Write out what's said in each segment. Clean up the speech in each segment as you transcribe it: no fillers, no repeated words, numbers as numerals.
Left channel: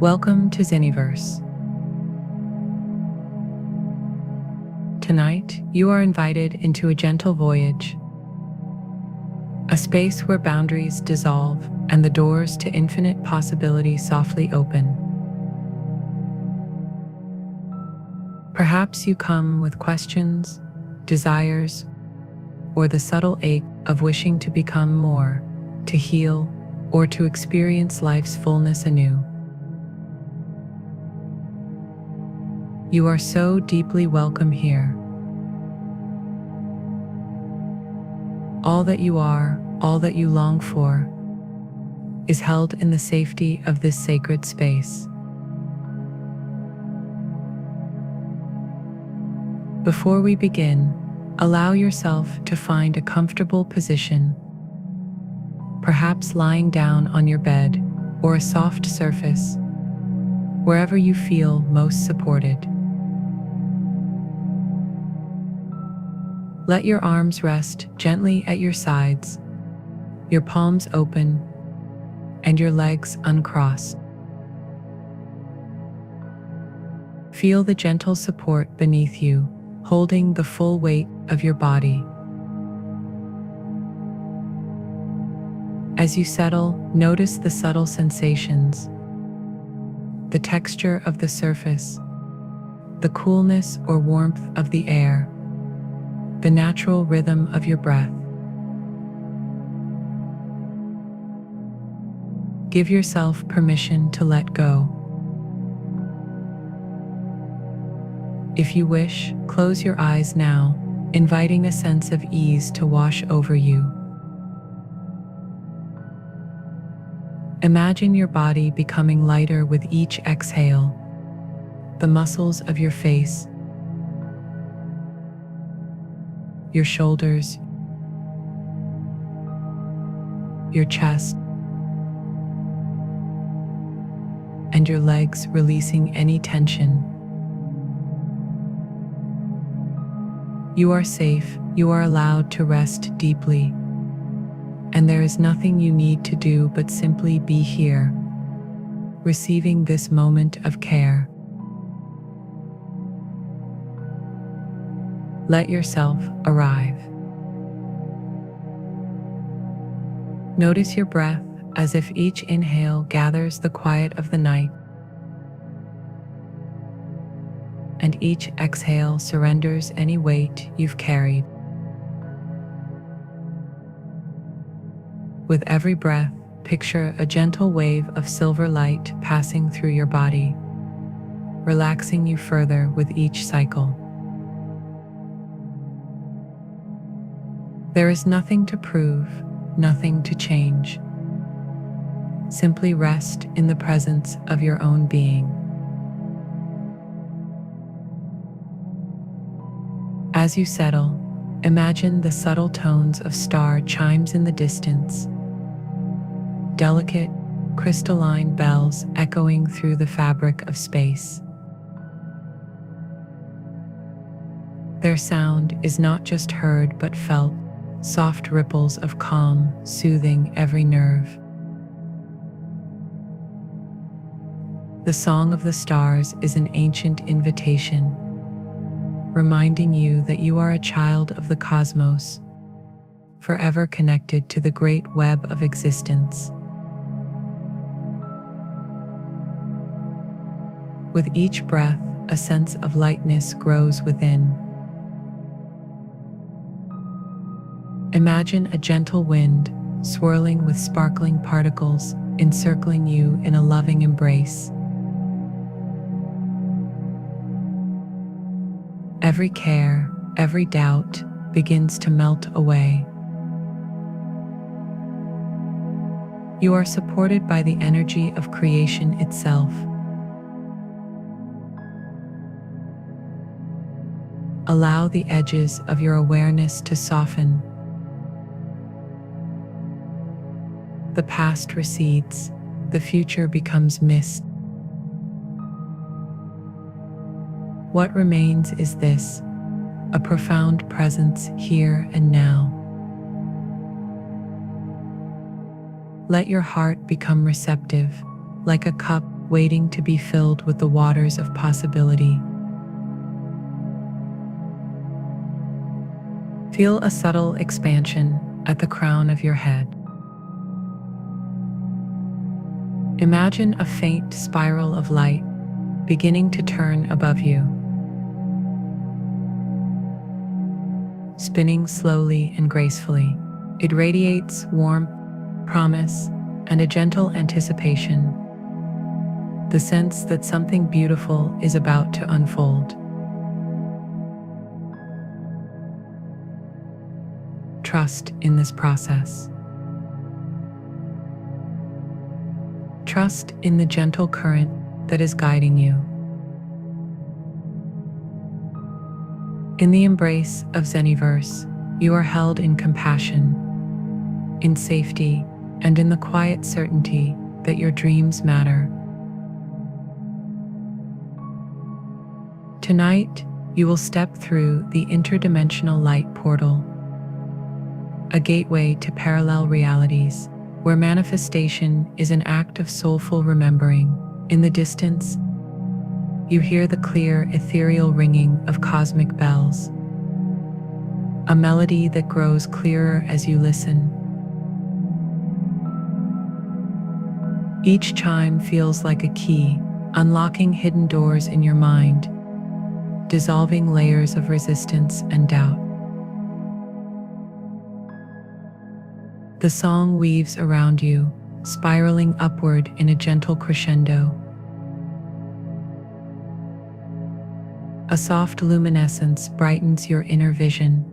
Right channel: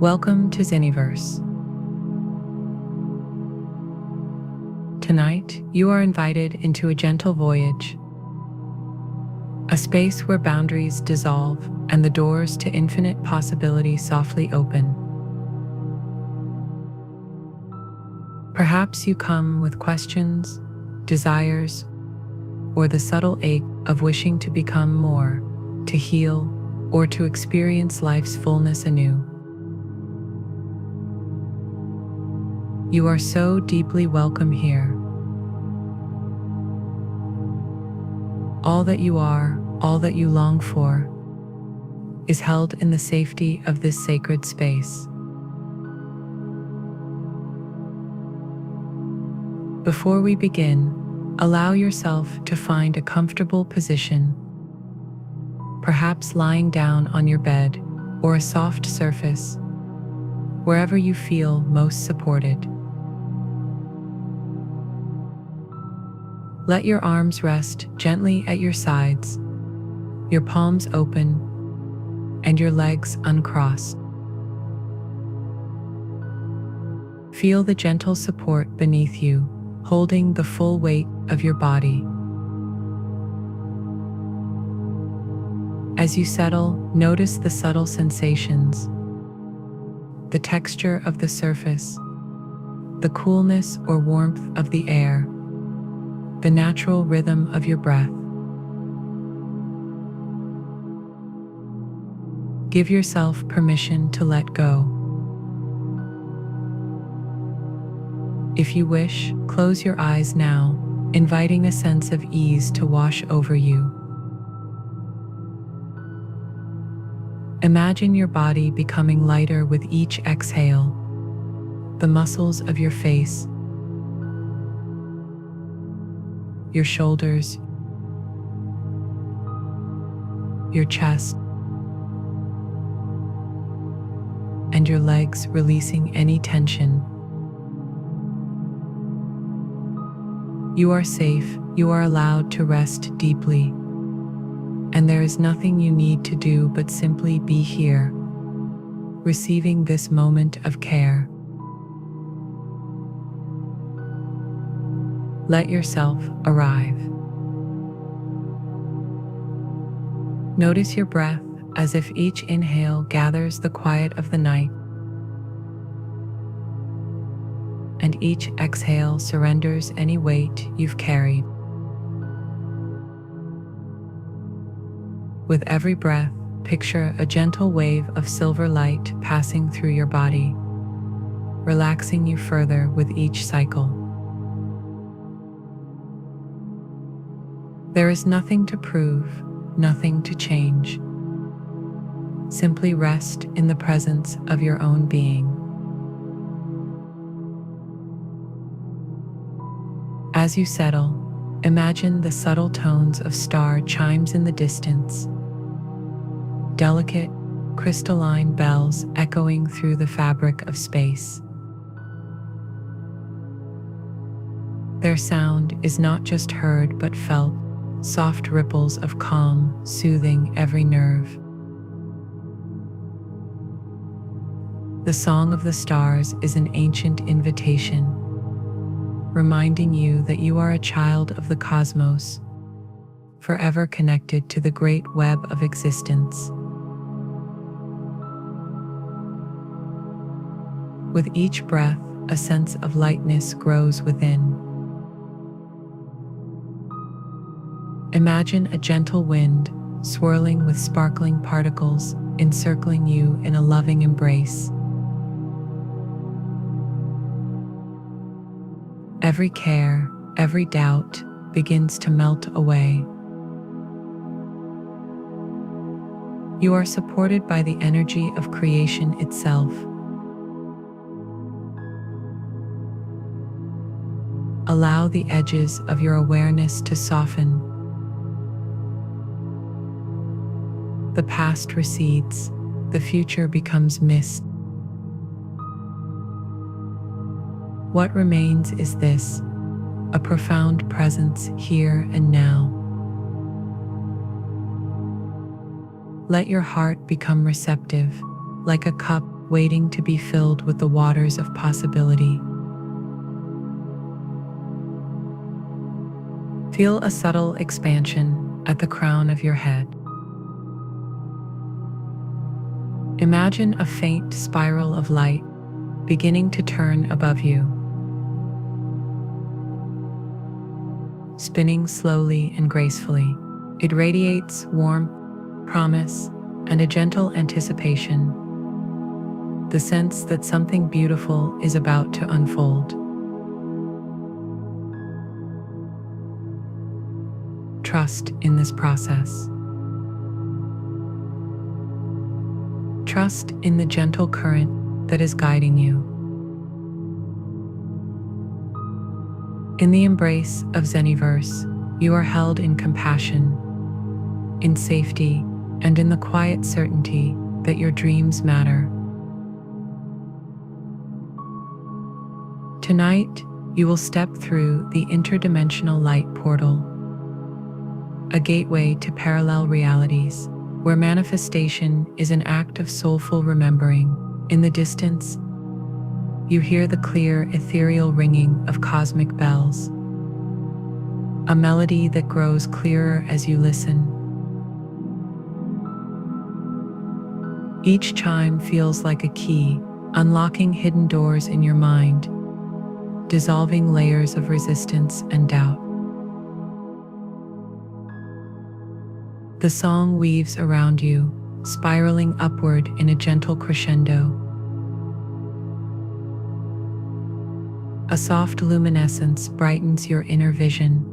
Welcome to Zeniverse. Tonight, you are invited into a gentle voyage, a space where boundaries dissolve and the doors to infinite possibility softly open. Perhaps you come with questions, desires, or the subtle ache of wishing to become more, to heal, or to experience life's fullness anew. You are so deeply welcome here. All that you are, all that you long for, is held in the safety of this sacred space. Before we begin, allow yourself to find a comfortable position, perhaps lying down on your bed or a soft surface, wherever you feel most supported. Let your arms rest gently at your sides, your palms open, and your legs uncrossed. Feel the gentle support beneath you, holding the full weight of your body. As you settle, notice the subtle sensations, the texture of the surface, the coolness or warmth of the air, the natural rhythm of your breath. Give yourself permission to let go. If you wish, close your eyes now, inviting a sense of ease to wash over you. Imagine your body becoming lighter with each exhale, the muscles of your face, your shoulders, your chest, and your legs releasing any tension. You are safe, you are allowed to rest deeply, and there is nothing you need to do but simply be here, receiving this moment of care. Let yourself arrive. Notice your breath as if each inhale gathers the quiet of the night, and each exhale surrenders any weight you've carried. With every breath, picture a gentle wave of silver light passing through your body, relaxing you further with each cycle. There is nothing to prove, nothing to change. Simply rest in the presence of your own being. As you settle, imagine the subtle tones of star chimes in the distance, delicate, crystalline bells echoing through the fabric of space. Their sound is not just heard but felt, soft ripples of calm, soothing every nerve. The song of the stars is an ancient invitation, reminding you that you are a child of the cosmos, forever connected to the great web of existence. With each breath, a sense of lightness grows within. Imagine a gentle wind, swirling with sparkling particles, encircling you in a loving embrace. Every care, every doubt begins to melt away. You are supported by the energy of creation itself. Allow the edges of your awareness to soften. The past recedes, the future becomes mist. What remains is this, a profound presence here and now. Let your heart become receptive, like a cup waiting to be filled with the waters of possibility. Feel a subtle expansion at the crown of your head. Imagine a faint spiral of light beginning to turn above you, spinning slowly and gracefully. It radiates warmth, promise, and a gentle anticipation, the sense that something beautiful is about to unfold. Trust in this process. Trust in the gentle current that is guiding you. In the embrace of Zeniverse, you are held in compassion, in safety, and in the quiet certainty that your dreams matter. Tonight, you will step through the interdimensional light portal, a gateway to parallel realities, where manifestation is an act of soulful remembering. In the distance, you hear the clear, ethereal ringing of cosmic bells, a melody that grows clearer as you listen. Each chime feels like a key, unlocking hidden doors in your mind, dissolving layers of resistance and doubt. The song weaves around you, spiraling upward in a gentle crescendo. A soft luminescence brightens your inner vision.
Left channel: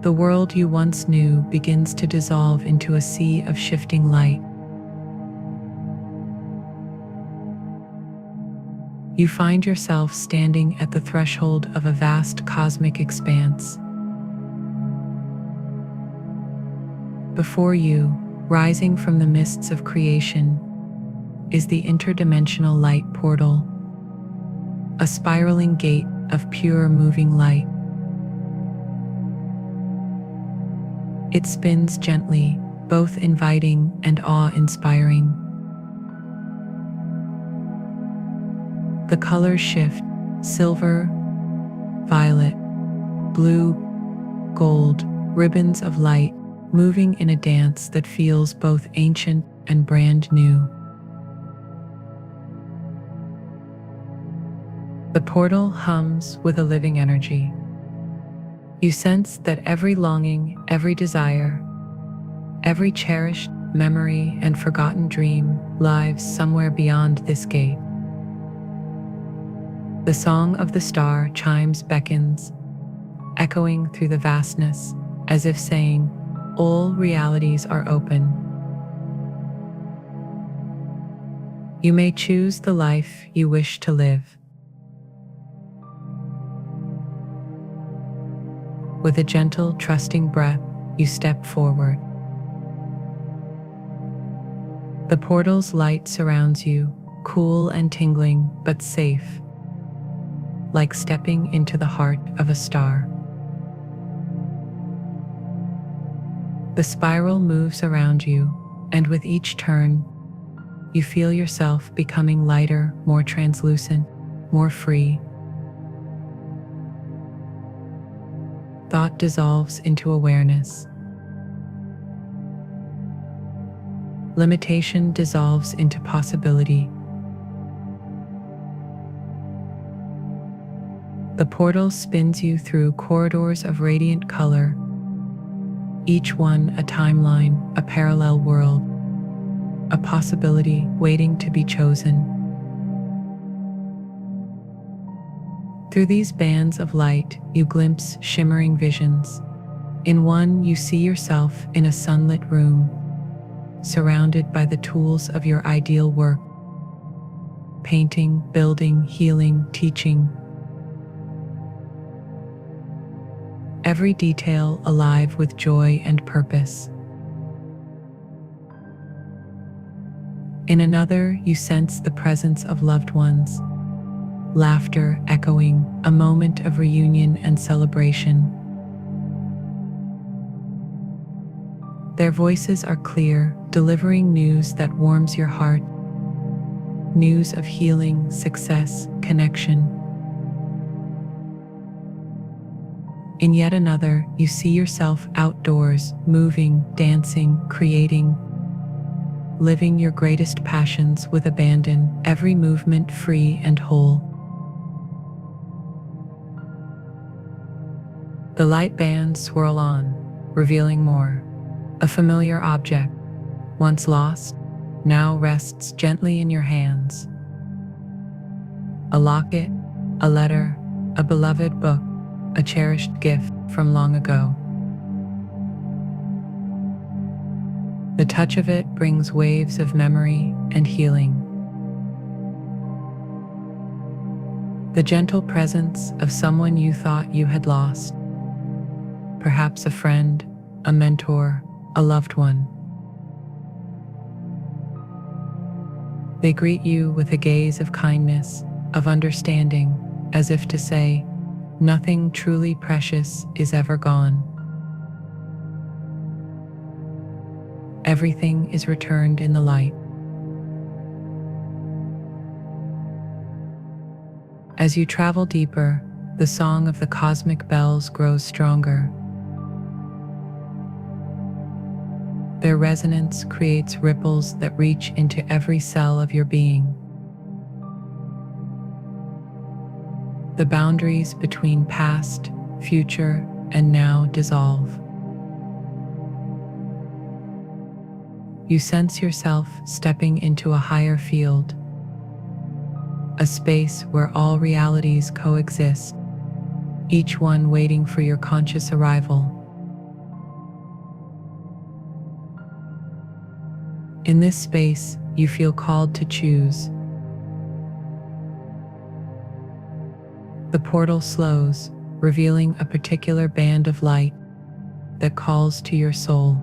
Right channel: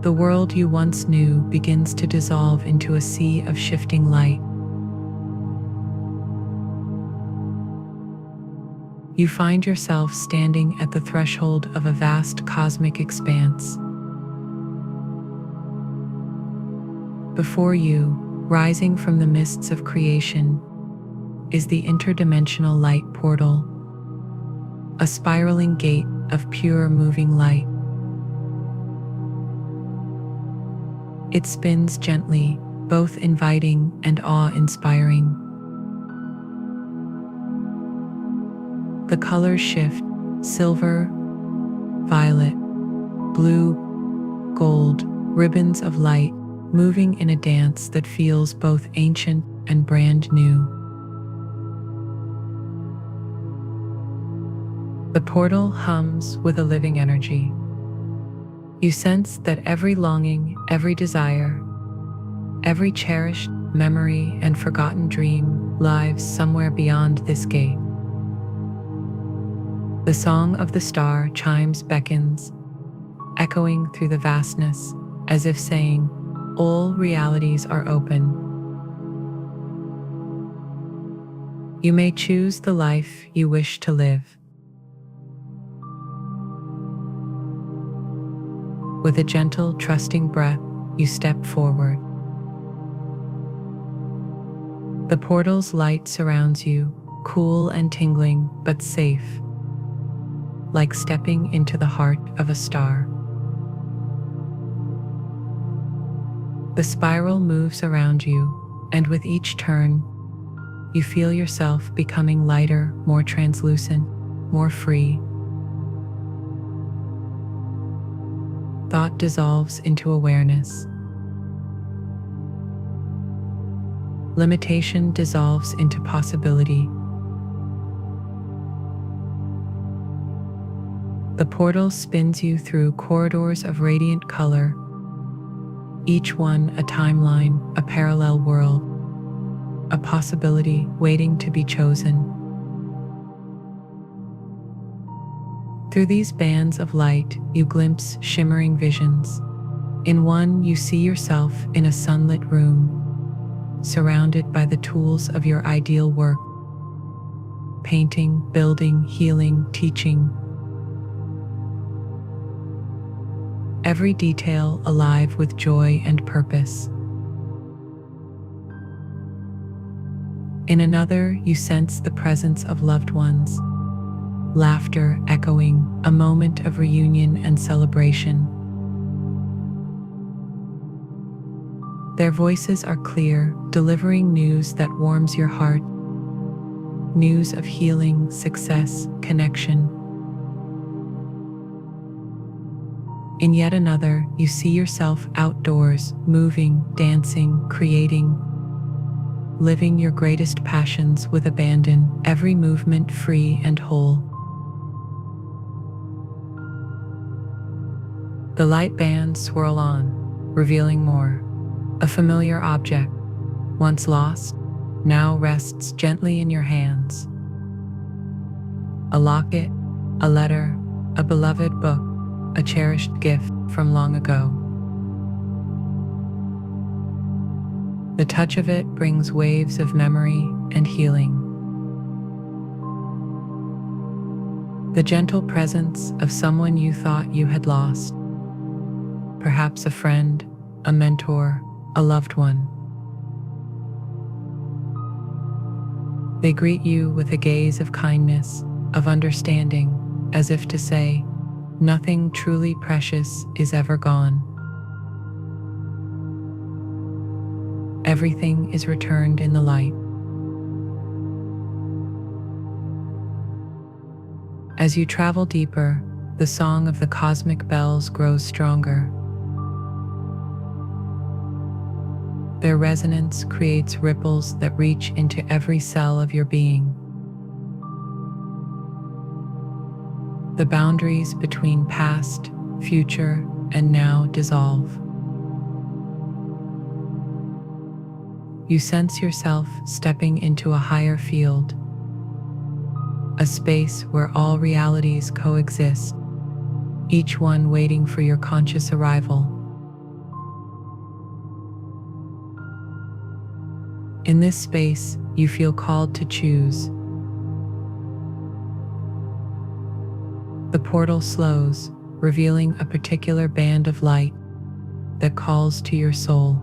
The world you once knew begins to dissolve into a sea of shifting light. You find yourself standing at the threshold of a vast cosmic expanse. Before you, rising from the mists of creation, is the interdimensional light portal, a spiraling gate of pure moving light. It spins gently, both inviting and awe-inspiring. The colors shift: silver, violet, blue, gold, ribbons of light moving in a dance that feels both ancient and brand new. The portal hums with a living energy. You sense that every longing, every desire, every cherished memory and forgotten dream lives somewhere beyond this gate. The song of the star chimes beckons, echoing through the vastness, as if saying, all realities are open. You may choose the life you wish to live. With a gentle, trusting breath, you step forward. The portal's light surrounds you, cool and tingling, but safe, like stepping into the heart of a star. The spiral moves around you, and with each turn, you feel yourself becoming lighter, more translucent, more free. Thought dissolves into awareness. Limitation dissolves into possibility. The portal spins you through corridors of radiant color, each one a timeline, a parallel world, a possibility waiting to be chosen. Through these bands of light, you glimpse shimmering visions. In one, you see yourself in a sunlit room, surrounded by the tools of your ideal work: painting, building, healing, teaching. Every detail alive with joy and purpose. In another, you sense the presence of loved ones, laughter echoing, a moment of reunion and celebration. Their voices are clear, delivering news that warms your heart, news of healing, success, connection. In yet another, you see yourself outdoors, moving, dancing, creating, living your greatest passions with abandon, every movement free and whole. The light bands swirl on, revealing more. A familiar object, once lost, now rests gently in your hands. A locket, a letter, a beloved book, a cherished gift from long ago. The touch of it brings waves of memory and healing. The gentle presence of someone you thought you had lost. Perhaps a friend, a mentor, a loved one. They greet you with a gaze of kindness, of understanding, as if to say, nothing truly precious is ever gone. Everything is returned in the light. As you travel deeper, the song of the cosmic bells grows stronger. Their resonance creates ripples that reach into every cell of your being. The boundaries between past, future, and now dissolve. You sense yourself stepping into a higher field, a space where all realities coexist, each one waiting for your conscious arrival. In this space, you feel called to choose. The portal slows, revealing a particular band of light that calls to your soul.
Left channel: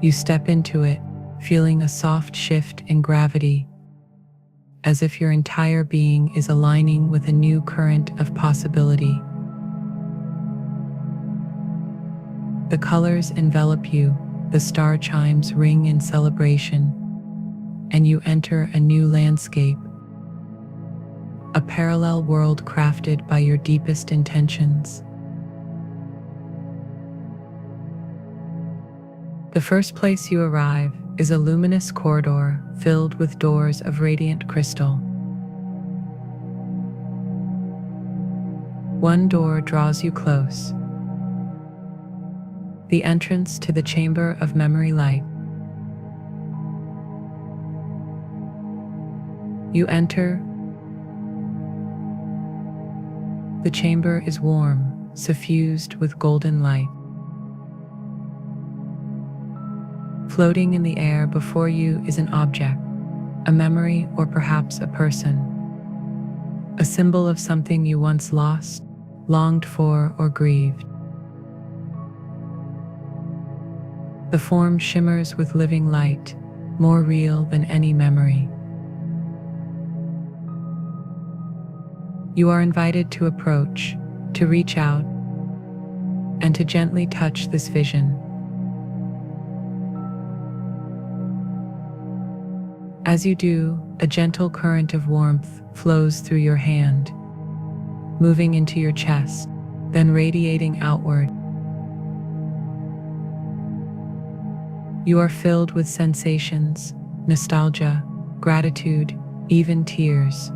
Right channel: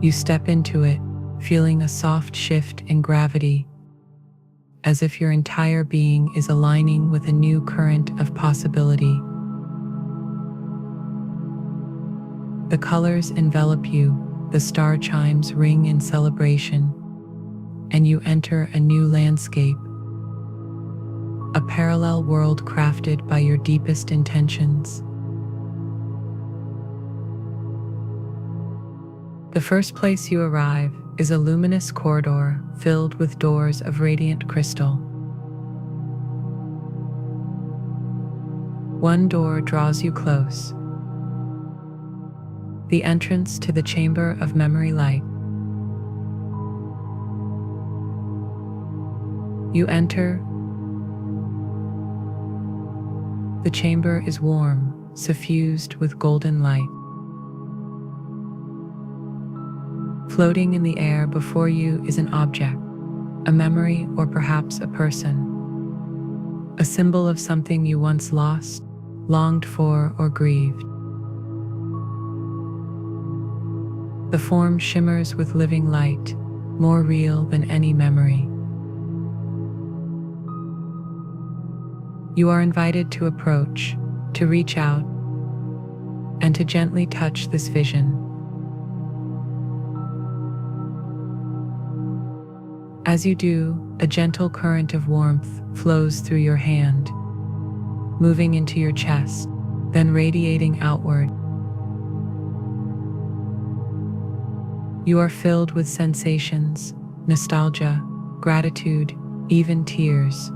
You step into it, feeling a soft shift in gravity, as if your entire being is aligning with a new current of possibility. The colors envelop you, the star chimes ring in celebration, and you enter a new landscape, a parallel world crafted by your deepest intentions. The first place you arrive is a luminous corridor filled with doors of radiant crystal. One door draws you close, the entrance to the chamber of memory light. You enter. The chamber is warm, suffused with golden light. Floating in the air before you is an object, a memory, or perhaps a person, a symbol of something you once lost, longed for, or grieved. The form shimmers with living light, more real than any memory. You are invited to approach, to reach out, and to gently touch this vision. As you do, a gentle current of warmth flows through your hand, moving into your chest, then radiating outward. You are filled with sensations, nostalgia, gratitude, even tears.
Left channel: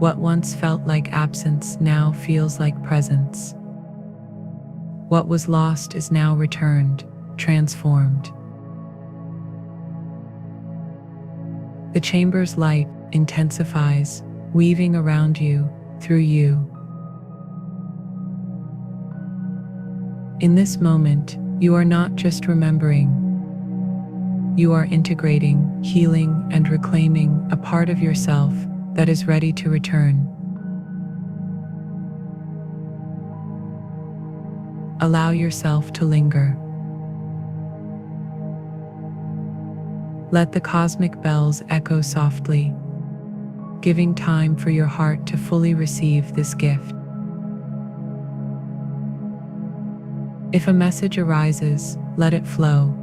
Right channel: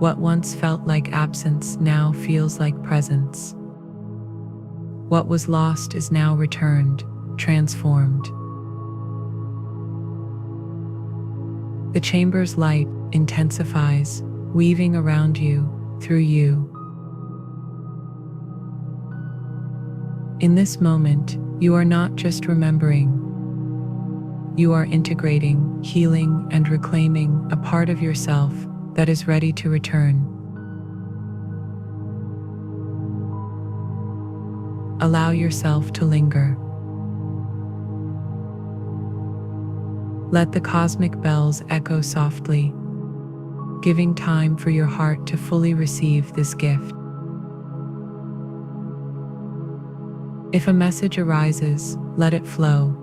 What once felt like absence now feels like presence. What was lost is now returned, transformed. The chamber's light intensifies, weaving around you, through you. In this moment, you are not just remembering. You are integrating, healing, and reclaiming a part of yourself that is ready to return. Allow yourself to linger. Let the cosmic bells echo softly, giving time for your heart to fully receive this gift. If a message arises, let it flow.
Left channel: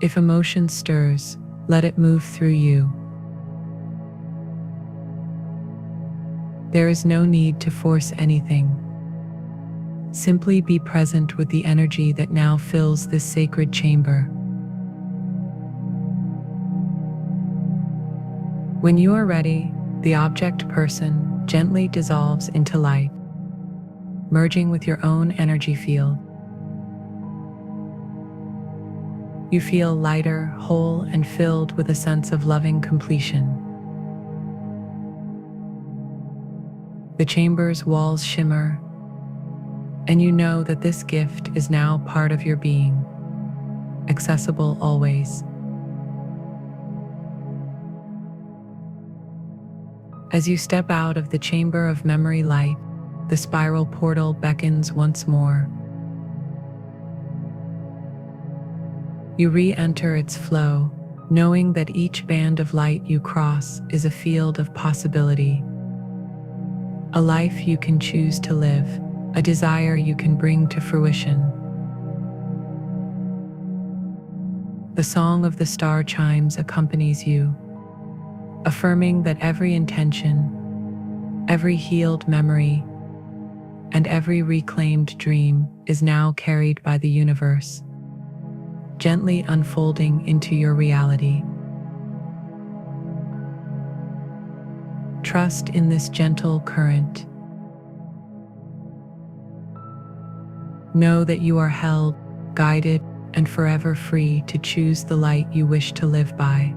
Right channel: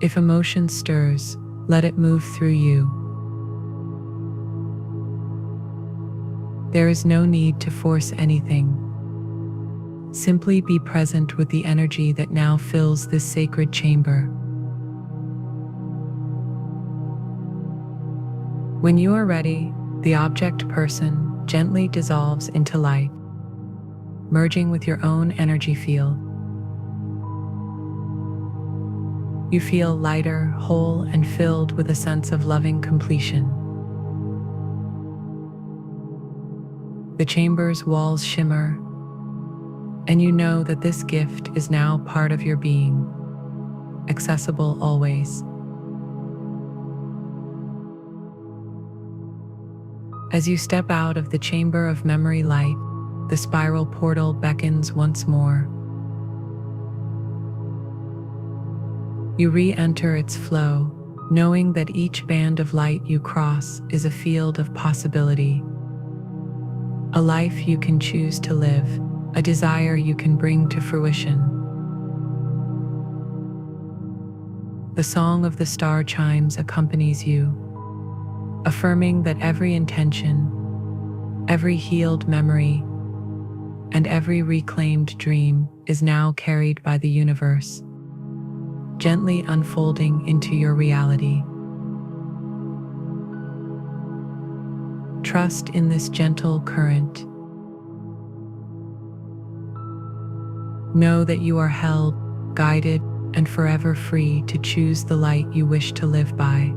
If emotion stirs, let it move through you. There is no need to force anything. Simply be present with the energy that now fills this sacred chamber. When you are ready, the object person gently dissolves into light, merging with your own energy field. You feel lighter, whole, and filled with a sense of loving completion. The chamber's walls shimmer, and you know that this gift is now part of your being, accessible always. As you step out of the chamber of memory light, the spiral portal beckons once more. You re-enter its flow, knowing that each band of light you cross is a field of possibility. A life you can choose to live, a desire you can bring to fruition. The song of the star chimes accompanies you, affirming that every intention, every healed memory, and every reclaimed dream is now carried by the universe, gently unfolding into your reality. Trust in this gentle current. Know that you are held, guided, and forever free to choose the light you wish to live by.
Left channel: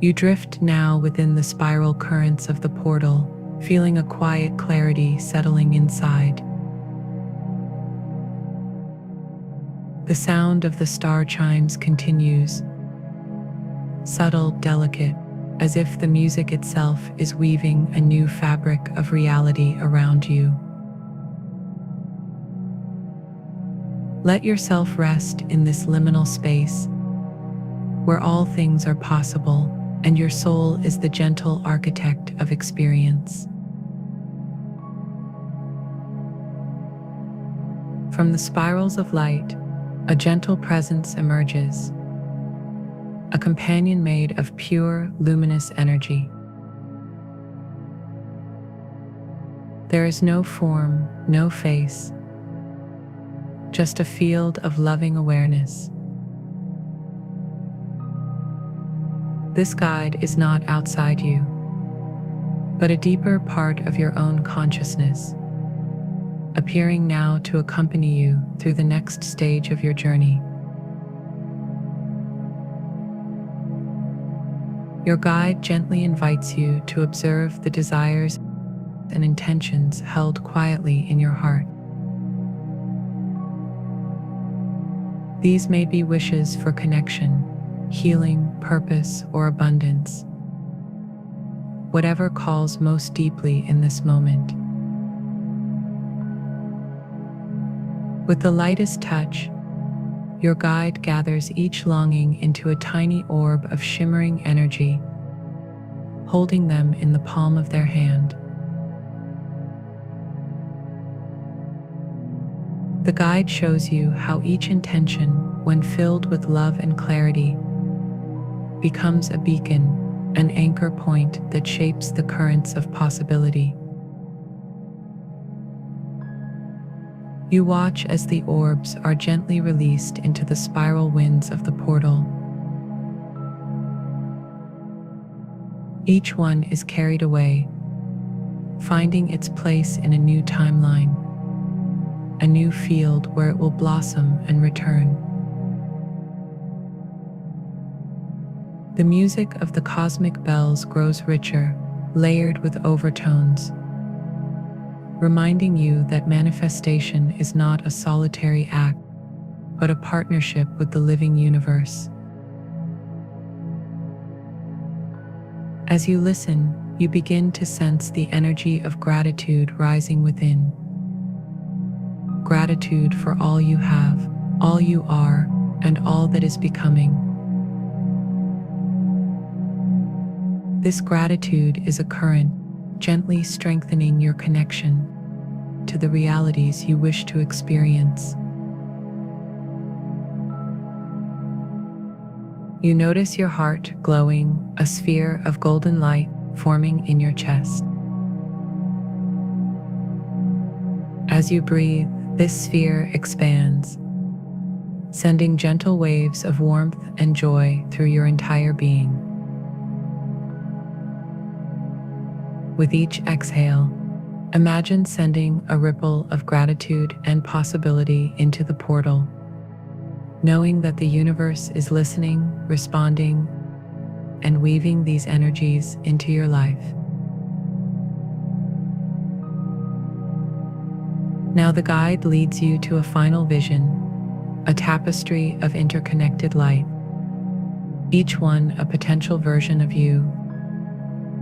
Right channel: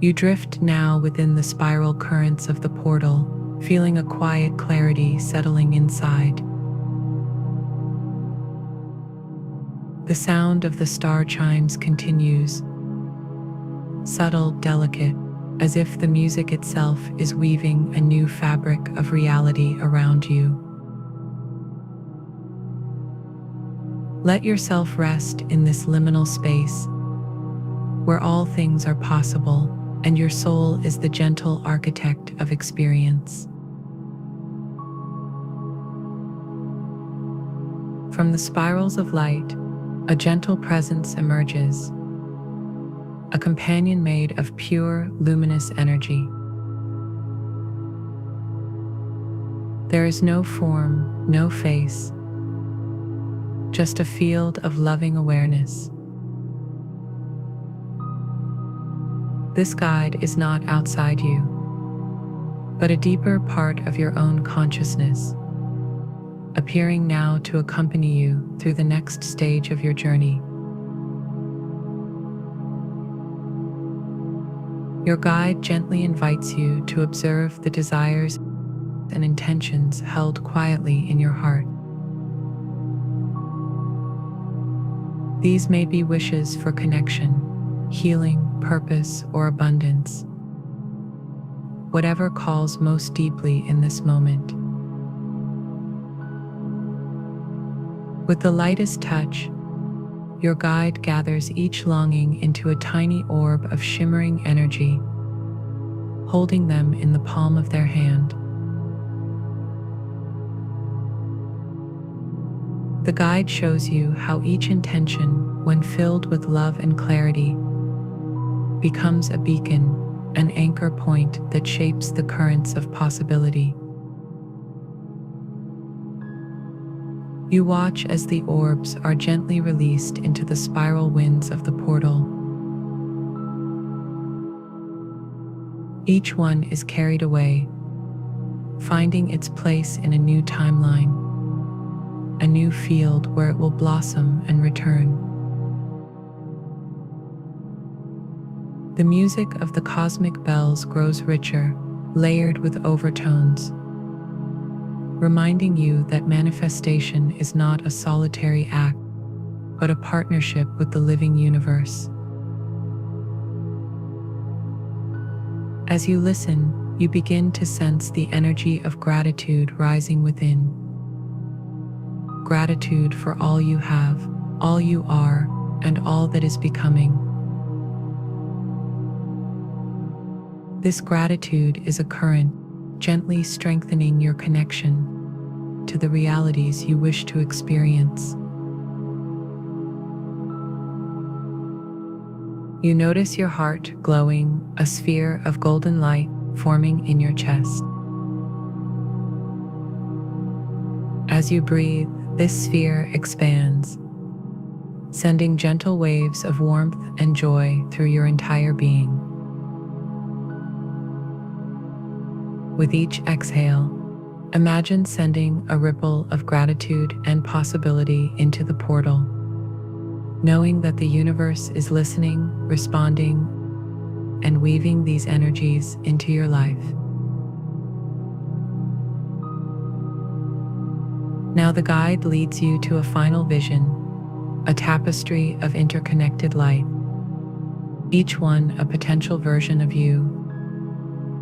You drift now within the spiral currents of the portal, feeling a quiet clarity settling inside. The sound of the star chimes continues, subtle, delicate, as if the music itself is weaving a new fabric of reality around you. Let yourself rest in this liminal space, where all things are possible and your soul is the gentle architect of experience. From the spirals of light, a gentle presence emerges, a companion made of pure, luminous energy. There is no form, no face, just a field of loving awareness. This guide is not outside you, but a deeper part of your own consciousness, appearing now to accompany you through the next stage of your journey. Your guide gently invites you to observe the desires and intentions held quietly in your heart. These may be wishes for connection, healing, purpose, or abundance. Whatever calls most deeply in this moment. With the lightest touch, your guide gathers each longing into a tiny orb of shimmering energy, holding them in the palm of their hand. The guide shows you how each intention, when filled with love and clarity, becomes a beacon, an anchor point that shapes the currents of possibility. You watch as the orbs are gently released into the spiral winds of the portal. Each one is carried away, finding its place in a new timeline, a new field where it will blossom and return. The music of the cosmic bells grows richer, layered with overtones, reminding you that manifestation is not a solitary act, but a partnership with the living universe. As you listen, you begin to sense the energy of gratitude rising within. Gratitude for all you have, all you are, and all that is becoming. This gratitude is a current, gently strengthening your connection to the realities you wish to experience. You notice your heart glowing, a sphere of golden light forming in your chest. As you breathe, this sphere expands, sending gentle waves of warmth and joy through your entire being. With each exhale, imagine sending a ripple of gratitude and possibility into the portal, knowing that the universe is listening, responding, and weaving these energies into your life. Now the guide leads you to a final vision, a tapestry of interconnected light, each one a potential version of you,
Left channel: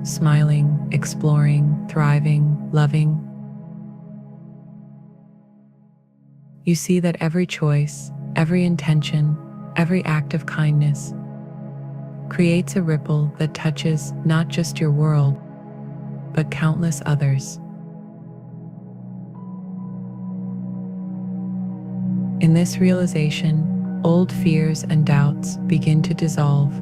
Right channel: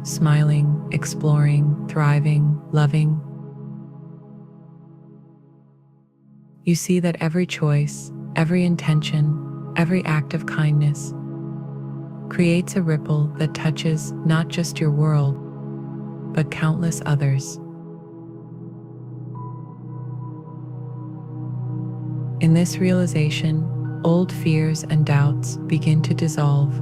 smiling, exploring, thriving, loving. You see that every choice, every intention, every act of kindness creates a ripple that touches not just your world, but countless others. In this realization, old fears and doubts begin to dissolve.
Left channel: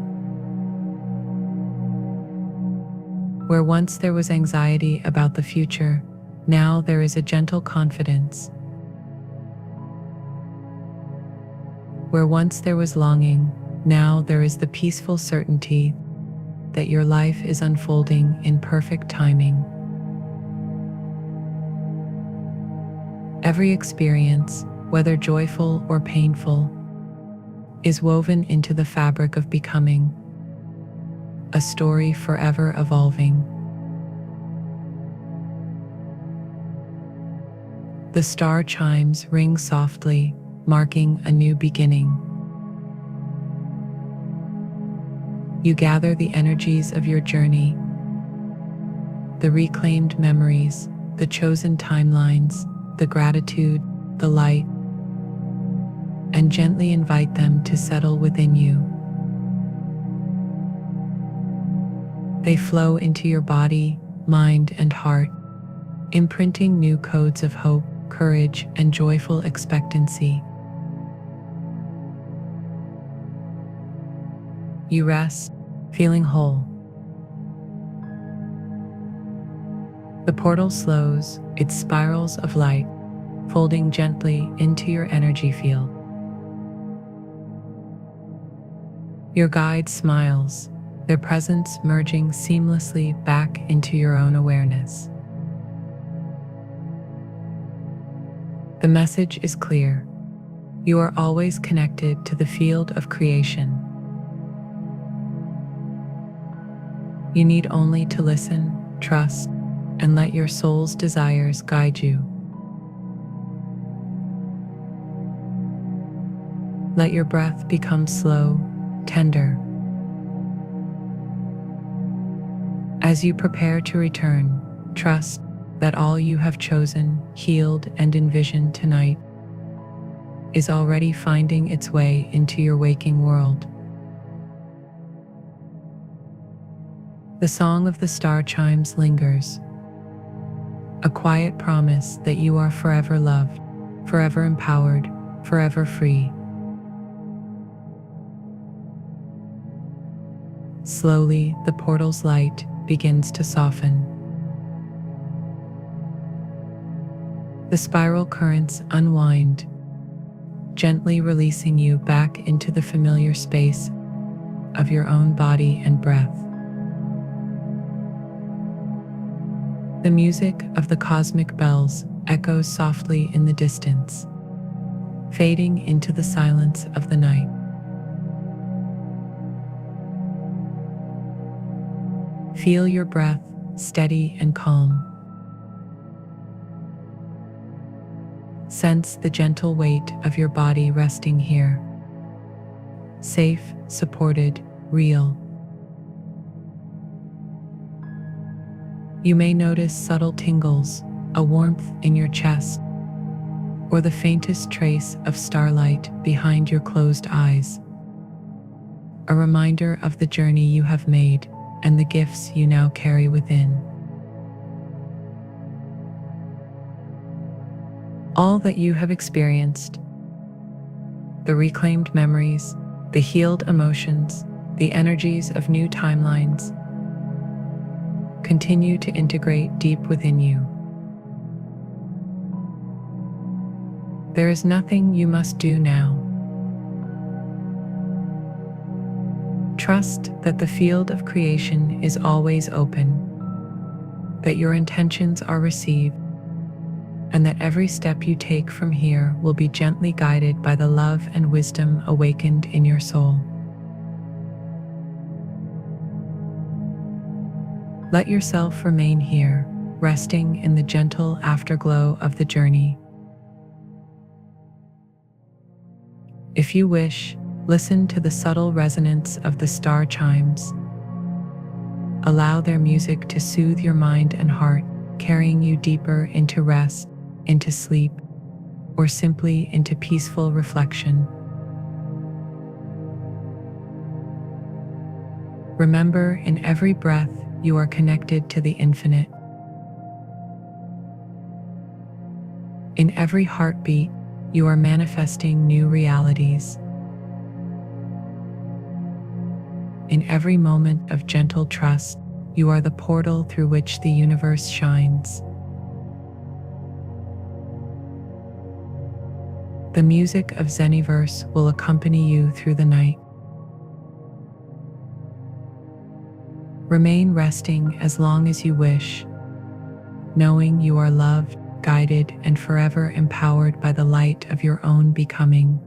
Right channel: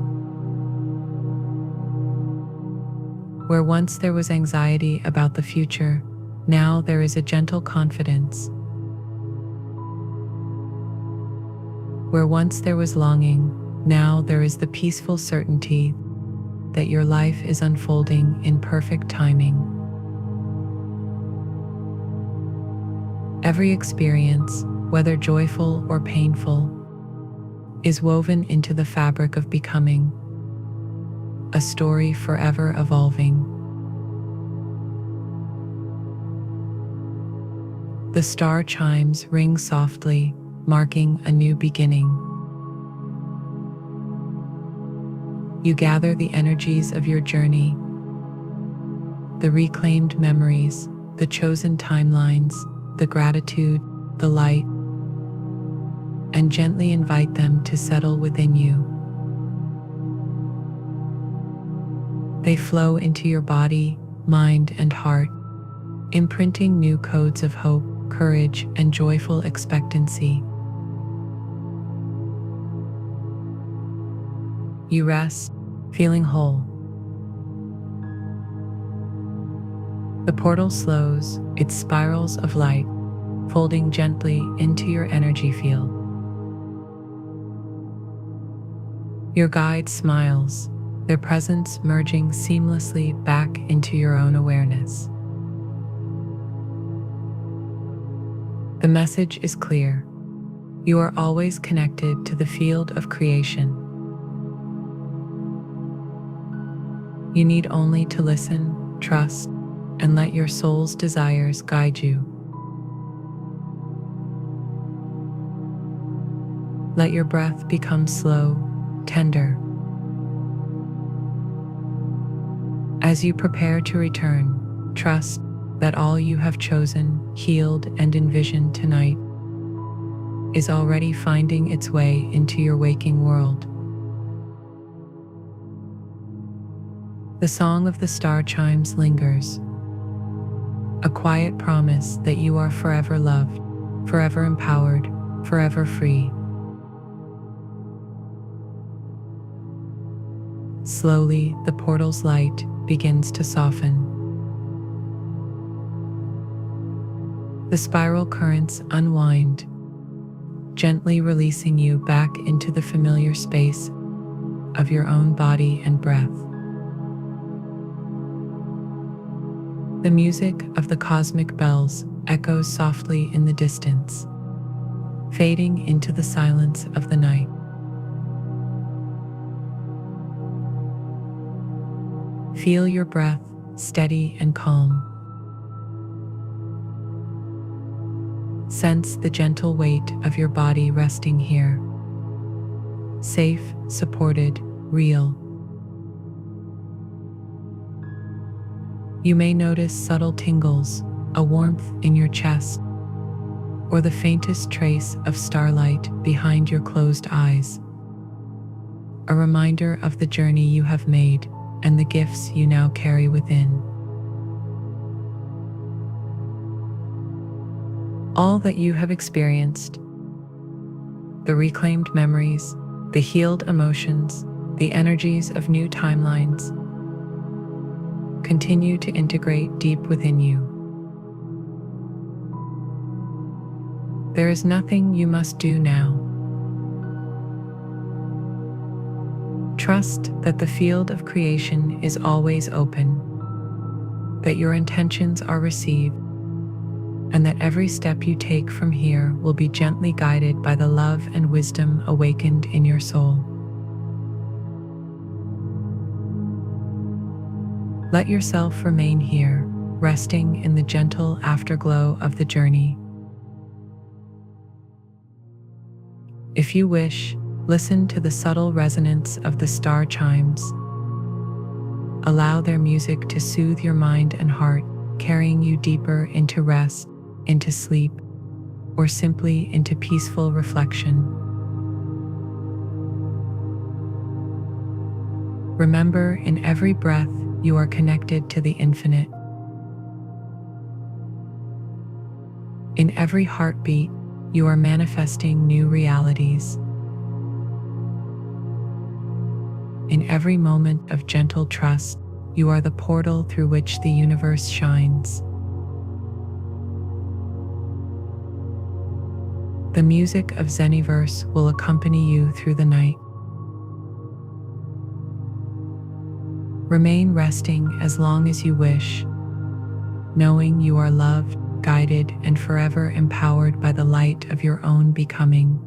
Where once there was anxiety about the future, now there is a gentle confidence. Where once there was longing, now there is the peaceful certainty that your life is unfolding in perfect timing. Every experience, whether joyful or painful, is woven into the fabric of becoming, a story forever evolving. The star chimes ring softly, marking a new beginning. You gather the energies of your journey, the reclaimed memories, the chosen timelines, the gratitude, the light, and gently invite them to settle within you. They flow into your body, mind, and heart, imprinting new codes of hope, courage, and joyful expectancy. You rest, feeling whole. The portal slows, its spirals of light folding gently into your energy field. Your guide smiles, their presence merging seamlessly back into your own awareness. The message is clear. You are always connected to the field of creation. You need only to listen, trust, and let your soul's desires guide you. Let your breath become slow, tender. As you prepare to return, trust that all you have chosen, healed, and envisioned tonight is already finding its way into your waking world. The song of the star chimes lingers, a quiet promise that you are forever loved, forever empowered, forever free. Slowly, the portal's light begins to soften. The spiral currents unwind, gently releasing you back into the familiar space of your own body and breath. The music of the cosmic bells echoes softly in the distance, fading into the silence of the night. Feel your breath steady and calm. Sense the gentle weight of your body resting here. Safe, supported, real. You may notice subtle tingles, a warmth in your chest, or the faintest trace of starlight behind your closed eyes. A reminder of the journey you have made, and the gifts you now carry within. All that you have experienced, the reclaimed memories, the healed emotions, the energies of new timelines, continue to integrate deep within you. There is nothing you must do now. Trust that the field of creation is always open, that your intentions are received, and that every step you take from here will be gently guided by the love and wisdom awakened in your soul. Let yourself remain here, resting in the gentle afterglow of the journey. If you wish, listen to the subtle resonance of the star chimes. Allow their music to soothe your mind and heart, carrying you deeper into rest, into sleep, or simply into peaceful reflection. Remember, in every breath, you are connected to the infinite. In every heartbeat, you are manifesting new realities. In every moment of gentle trust, you are the portal through which the universe shines. The music of Zeniverse will accompany you through the night. Remain resting as long as you wish, knowing you are loved, guided, and forever empowered by the light of your own becoming.